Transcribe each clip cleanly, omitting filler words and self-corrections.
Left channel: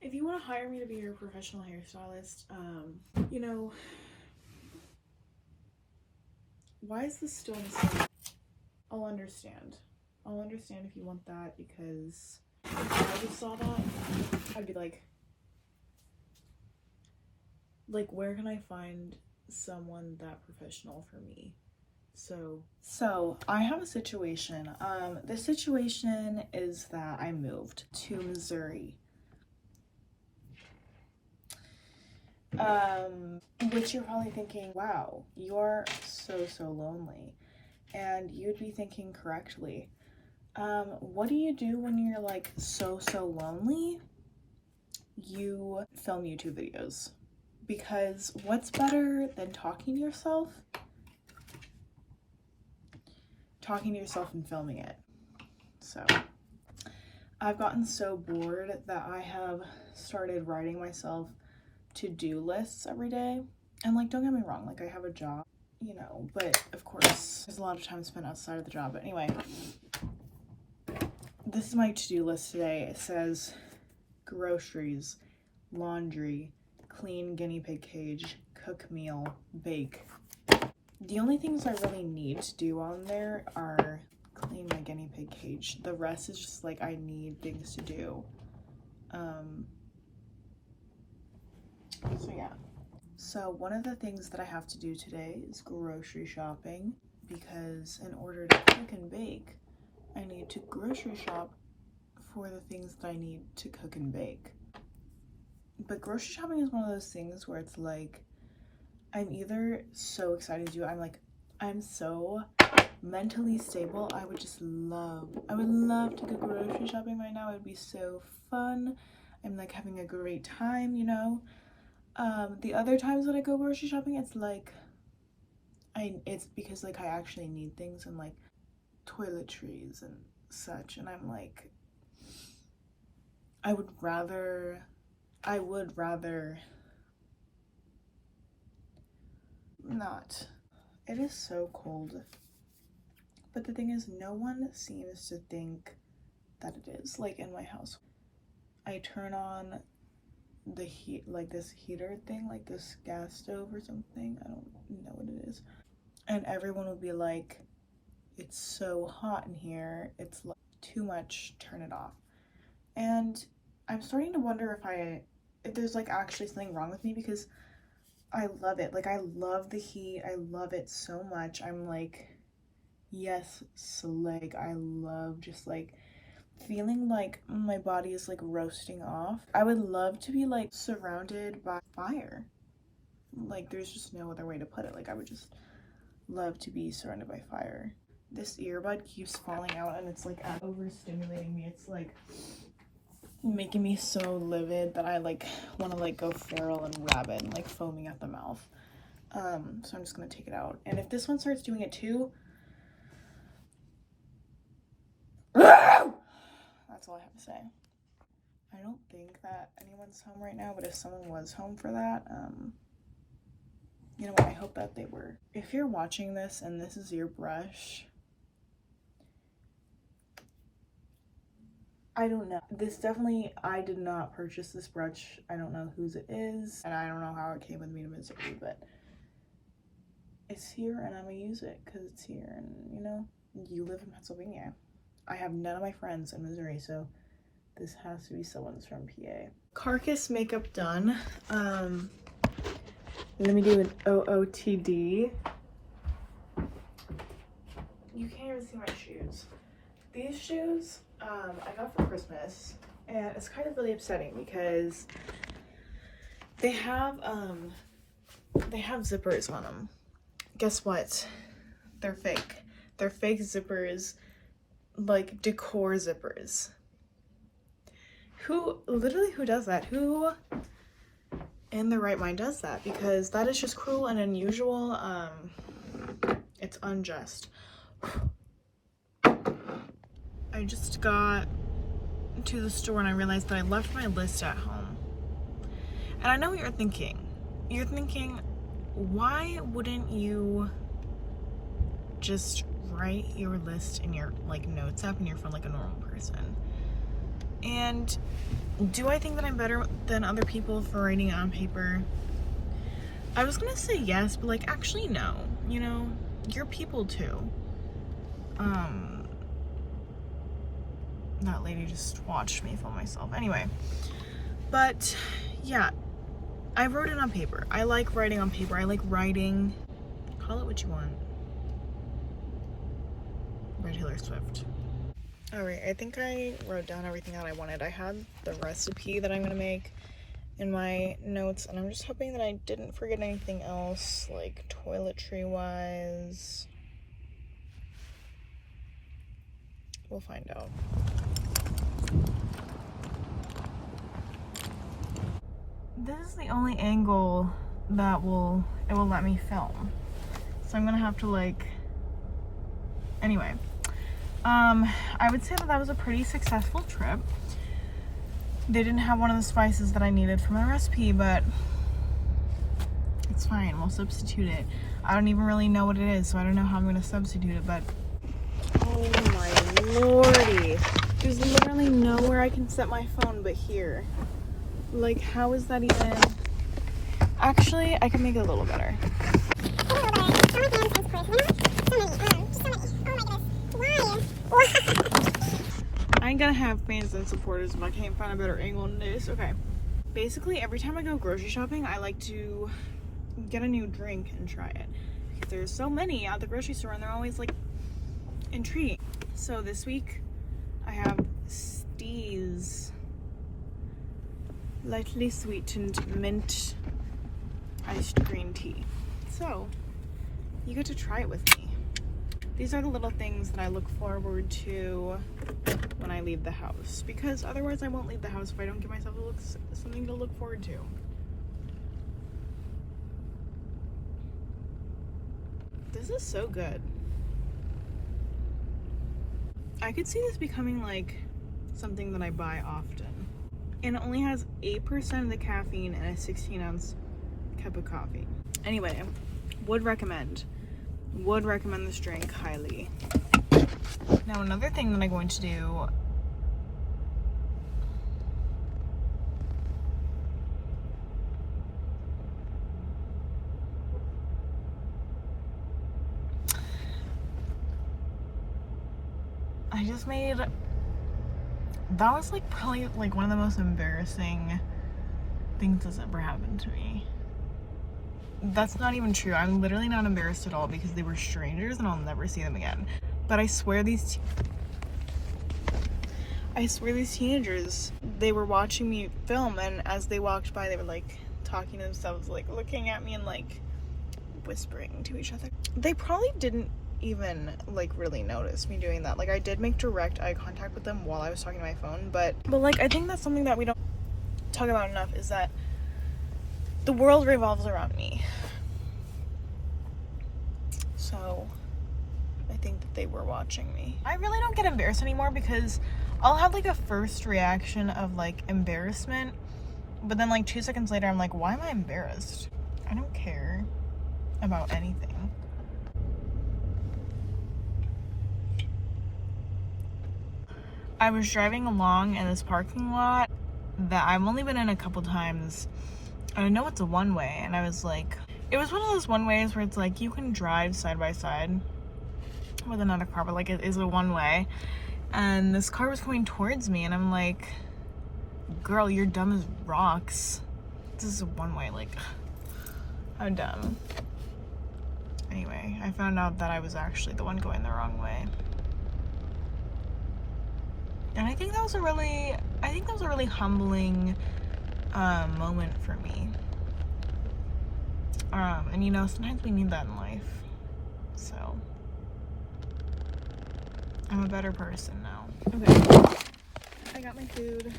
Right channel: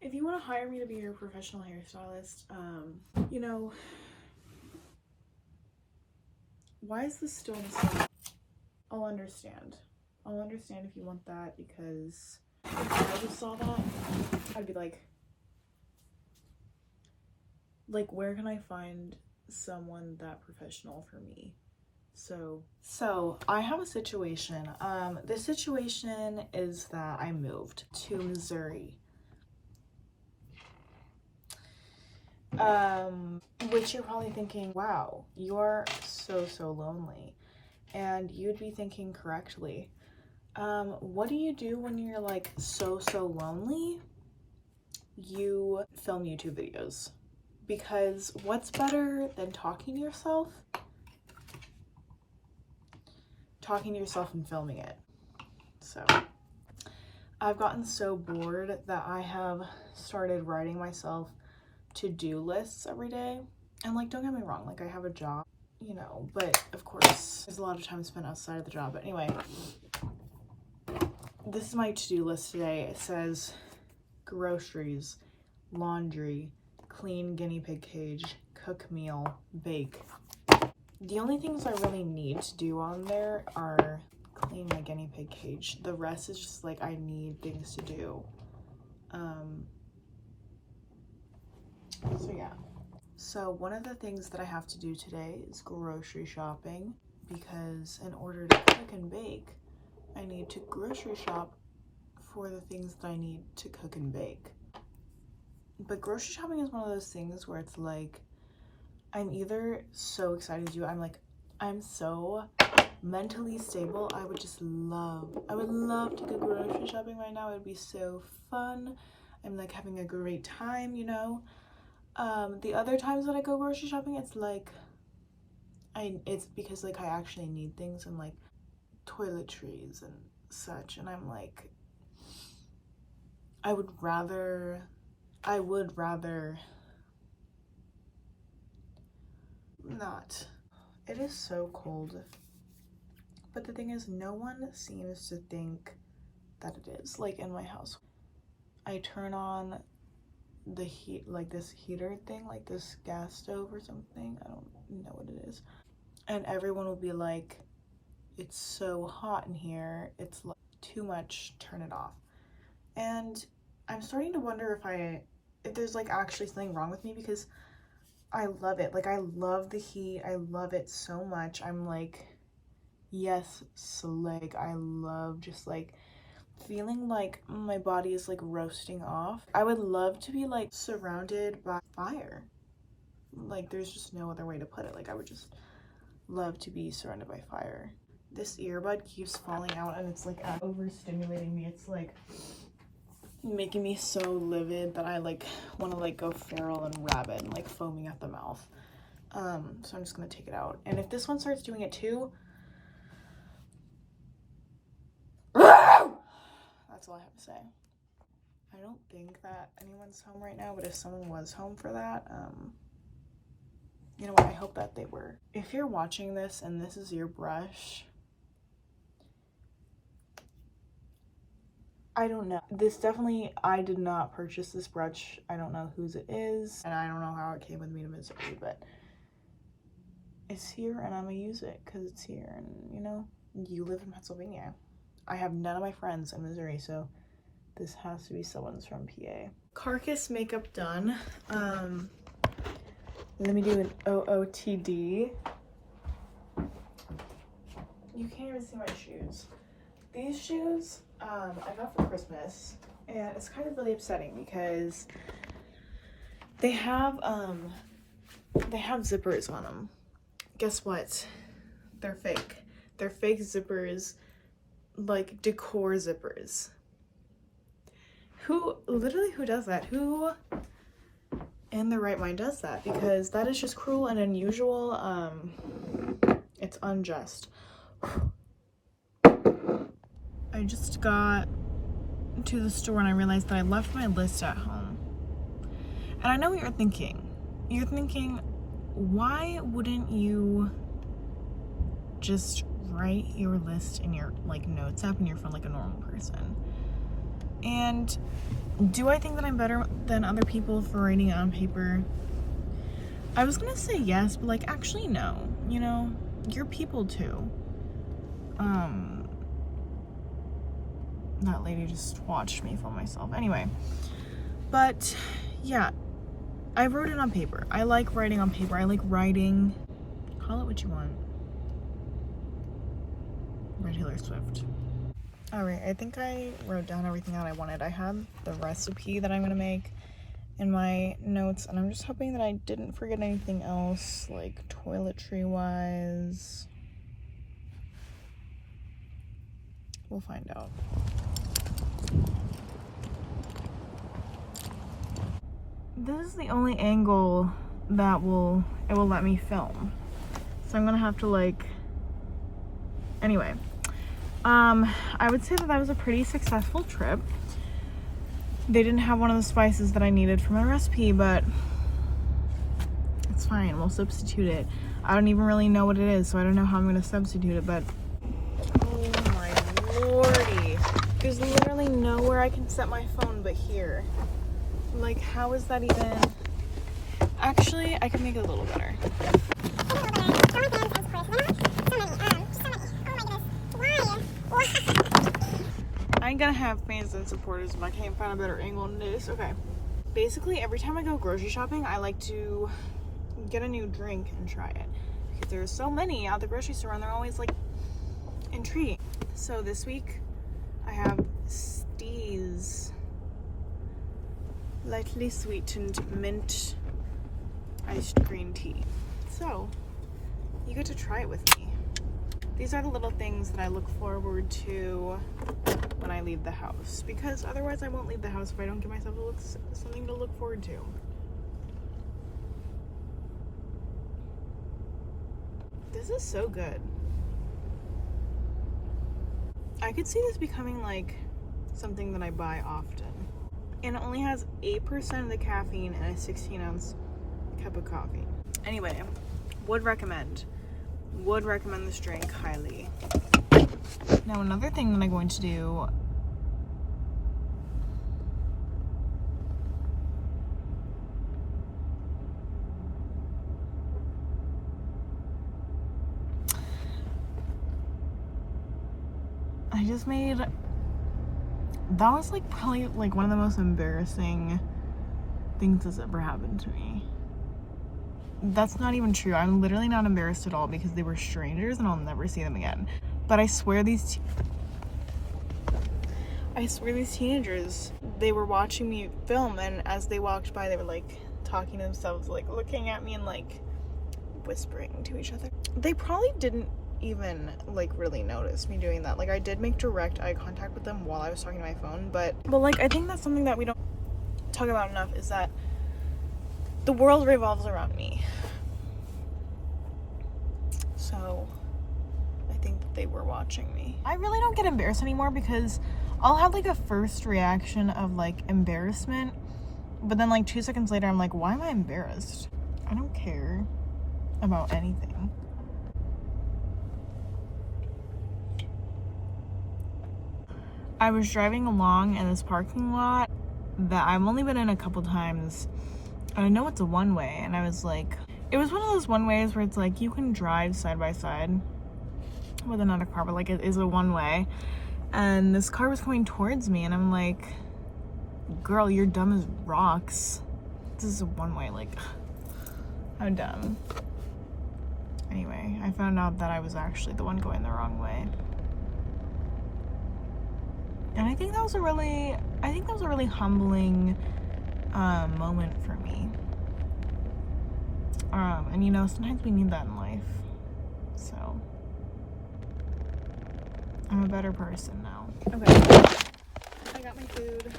If you want to hire me to be your professional hairstylist, you know, why is this still in the store? I'll understand. I'll understand if you want that, because if I just saw that, I'd be like, where can I find someone that professional for me? So I have a situation. The situation is that I moved to Missouri. Which you're probably thinking, wow, you're so lonely. And you'd be thinking correctly. What do you do when you're like so lonely? You film YouTube videos. Because what's better than talking to yourself? Talking to yourself and filming it. So I've gotten so bored that I have started writing myself to-do lists every day. And like, don't get me wrong, like I have a job, you know, but of course there's a lot of time spent outside of the job. But anyway, this is my to-do list today. It says groceries, laundry, clean guinea pig cage, cook meal, bake. The only things I really need to do on there are clean my guinea pig cage. The rest is just like I need things to do. So yeah. So one of the things that I have to do today is grocery shopping, because in order to cook and bake, I need to grocery shop for the things that I need to cook and bake. But grocery shopping is one of those things where it's like, I'm either so excited to do it, I'm so mentally stable. I would love to go grocery shopping right now. It would be so fun. I'm like having a great time, you know. The other times that I go grocery shopping, it's like, it's because like I actually need things, and like toiletries and such, and I'm like, I would rather not. It is so cold, but the thing is, no one seems to think that it is. Like in my house, I turn on the heat, like this heater thing, like this gas stove or something, I don't know what it is, and everyone will be like, it's so hot in here, it's like too much, turn it off. And I'm starting to wonder if there's like actually something wrong with me, because I love it. Like I love the heat, I love it so much. I'm like, yes, like I love just like feeling like my body is like roasting off. I would love to be like surrounded by fire. Like there's just no other way to put it. Like I would just love to be surrounded by fire. This earbud keeps falling out, and it's like overstimulating me. It's like making me so livid that I like want to like go feral and rabid and like foaming at the mouth. So I'm just gonna take it out. And if this one starts doing it too, that's all I have to say. I don't think that anyone's home right now, but if someone was home for that, you know what, I hope that they were. If you're watching this and this is your brush, I don't know. This definitely, I did not purchase this brush. I don't know whose it is, and I don't know how it came with me to Missouri, but it's here and I'm gonna use it because it's here. And you know, you live in Pennsylvania. I have none of my friends in Missouri, so this has to be someone's from PA. Carcass makeup done. Let me do an OOTD. You can't even see my shoes. These shoes, I got for Christmas, and it's kind of really upsetting because they have zippers on them. Guess what? They're fake. They're fake zippers, like decor zippers. Who does that? Who in their right mind does that? Because that is just cruel and unusual. It's unjust. I just got to the store and I realized that I left my list at home. And I know what you're thinking. You're thinking, why wouldn't you just write your list in your like notes app in your phone like a normal person? And Do I think that I'm better than other people for writing on paper? I was gonna say yes, but like actually no. You know, you're people too. That lady just watched me film myself. Anyway, but yeah, I wrote it on paper. I like writing on paper. I like writing. Call it what you want. By Taylor Swift. All right, I think I wrote down everything that I wanted. I had the recipe that I'm gonna make in my notes, and I'm just hoping that I didn't forget anything else, like toiletry wise. We'll find out. This is the only angle that it will let me film. So I'm gonna have to like, anyway. I would say that was a pretty successful trip. They didn't have one of the spices that I needed for my recipe, but it's fine, we'll substitute it. I don't even really know what it is, so I don't know how I'm gonna substitute it, but oh my lordy. There's literally nowhere I can set my phone but here. Like, how is that even? Actually, I can make it a little better. I ain't gonna have fans and supporters if I can't find a better angle than this. Okay. Basically, every time I go grocery shopping, I like to get a new drink and try it. Because there's so many at the grocery store and they're always like intriguing. So this week, I have Stee's lightly sweetened mint iced green tea. So, you get to try it with me. These are the little things that I look forward to when I leave the house, because otherwise I won't leave the house if I don't give myself something to look forward to. This is so good. I could see this becoming like something that I buy often. And it only has 8% of the caffeine in a 16-ounce cup of coffee. Anyway, would recommend this drink highly. Now another thing that I'm going to do, I just made, that was like probably like one of the most embarrassing things that's ever happened to me. That's not even true. I'm literally not embarrassed at all because they were strangers and I'll never see them again. But I swear these teenagers, they were watching me film, and as they walked by, they were like talking to themselves, like looking at me and like whispering to each other. They probably didn't even like really notice me doing that. Like, I did make direct eye contact with them while I was talking to my phone, but like, I think that's something that we don't talk about enough, is that the world revolves around me. So I think that they were watching me. I really don't get embarrassed anymore because I'll have like a first reaction of like embarrassment, but then like 2 seconds later I'm like, why am I embarrassed? I don't care about anything. I was driving along in this parking lot that I've only been in a couple times. I know it's a one-way, and I was like, it was one of those one-ways where it's like you can drive side by side with another car, but like it is a one-way, and this car was coming towards me, and I'm like, girl, you're dumb as rocks. This is a one-way, like, how dumb. Anyway, I found out that I was actually the one going the wrong way, and I think that was a really humbling moment for me. And you know, sometimes we need that in life. So I'm a better person now. Okay, I got my food.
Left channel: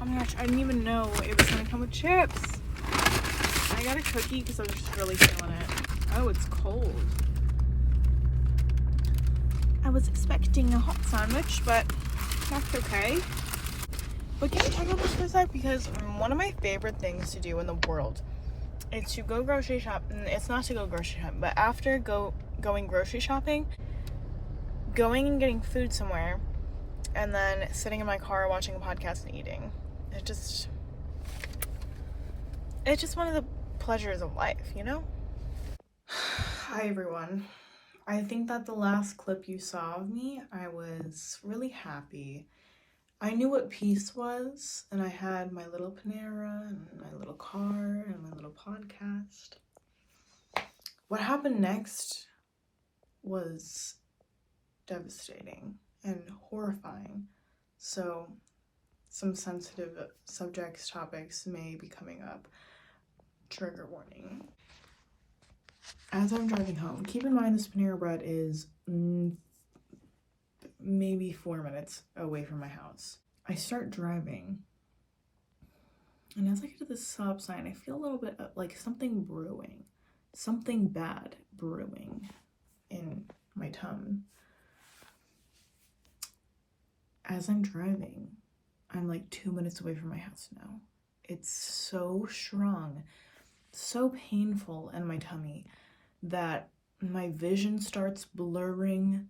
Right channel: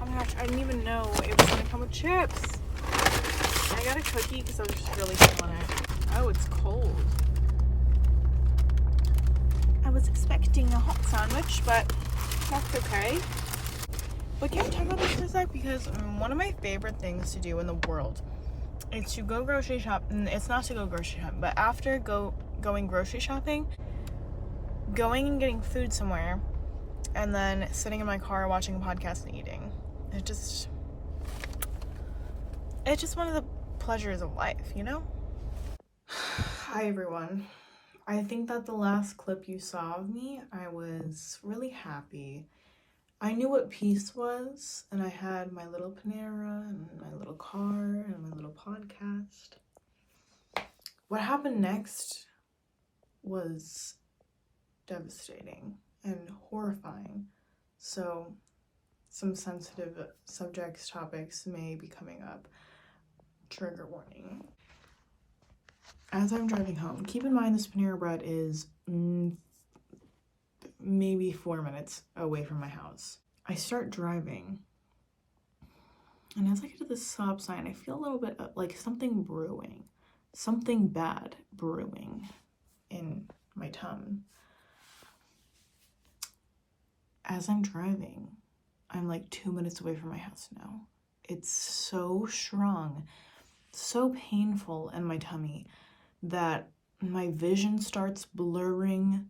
Oh my gosh, I didn't even know it was gonna come with chips. I got a cookie because I was just really feeling it. Oh, it's cold. I was expecting a hot sandwich, but that's okay. But can we talk about this for a sec? Because one of my favorite things to do in the world is to go grocery shop. It's not to go grocery shop, but after going grocery shopping, going and getting food somewhere and then sitting in my car watching a podcast and eating. It's just one of the pleasures of life, you know? Hi everyone. I think that the last clip you saw of me, I was really happy. I knew what peace was, and I had my little Panera and my little car and my little podcast. What happened next was devastating and horrifying. So some sensitive subjects, topics may be coming up. Trigger warning. As I'm driving home, keep in mind this Panera Bread is maybe 4 minutes away from my house. I start driving, and as I get to the stop sign, I feel a little bit like something brewing, something bad brewing in my tongue. As I'm driving, I'm like 2 minutes away from my house now. It's so strong, so painful in my tummy that my vision starts blurring.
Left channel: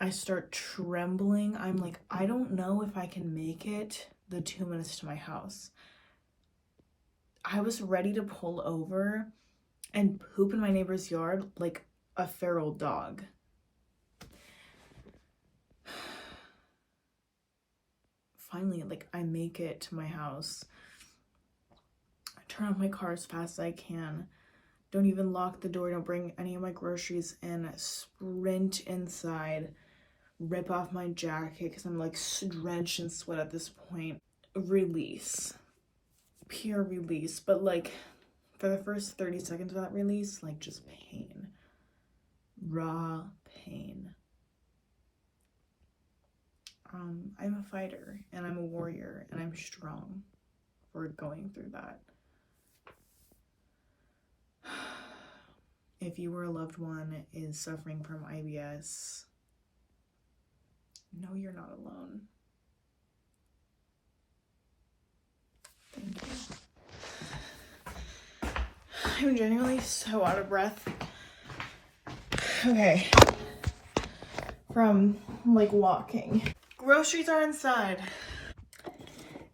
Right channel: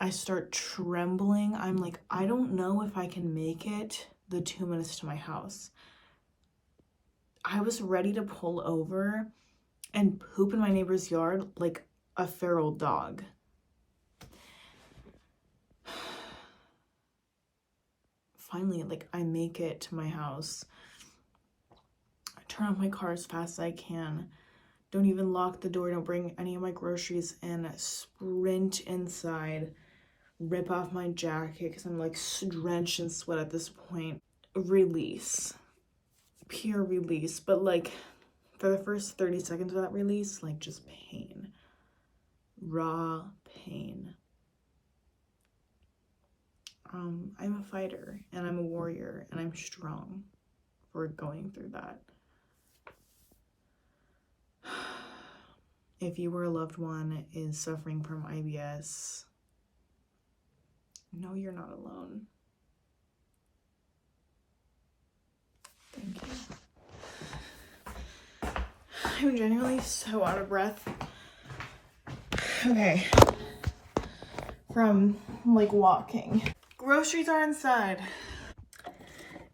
I start trembling. I'm like, I don't know if I can make it the 2 minutes to my house. I was ready to pull over and poop in my neighbor's yard like a feral dog. Finally, like, I make it to my house. I turn off my car as fast as I can. Don't even lock the door. Don't bring any of my groceries in. Sprint inside. Rip off my jacket because I'm like drenched in sweat at this point. Release. Pure release. But like for the first 30 seconds of that release, like just pain. Raw pain. I'm a fighter and I'm a warrior and I'm strong for going through that. If you or a loved one is suffering from IBS, no, you're not alone. Thank you. I'm genuinely so out of breath. Okay. From like walking. Groceries are inside.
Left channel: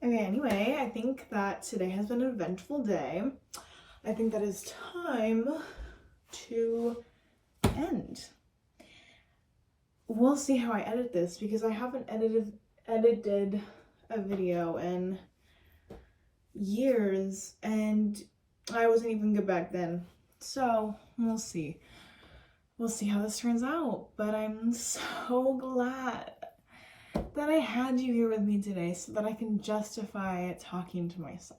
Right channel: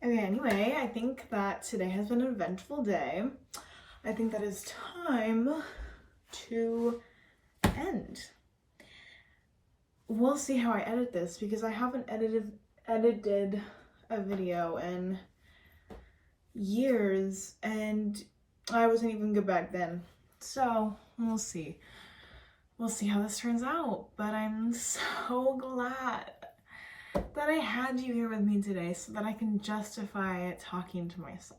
Okay, anyway, I think that today has been an eventful day. I think that is time to end. We'll see how I edit this because I haven't edited a video in years and I wasn't even good back then. So we'll see. We'll see how this turns out. But I'm so glad that I had you here with me today so that I can justify talking to myself.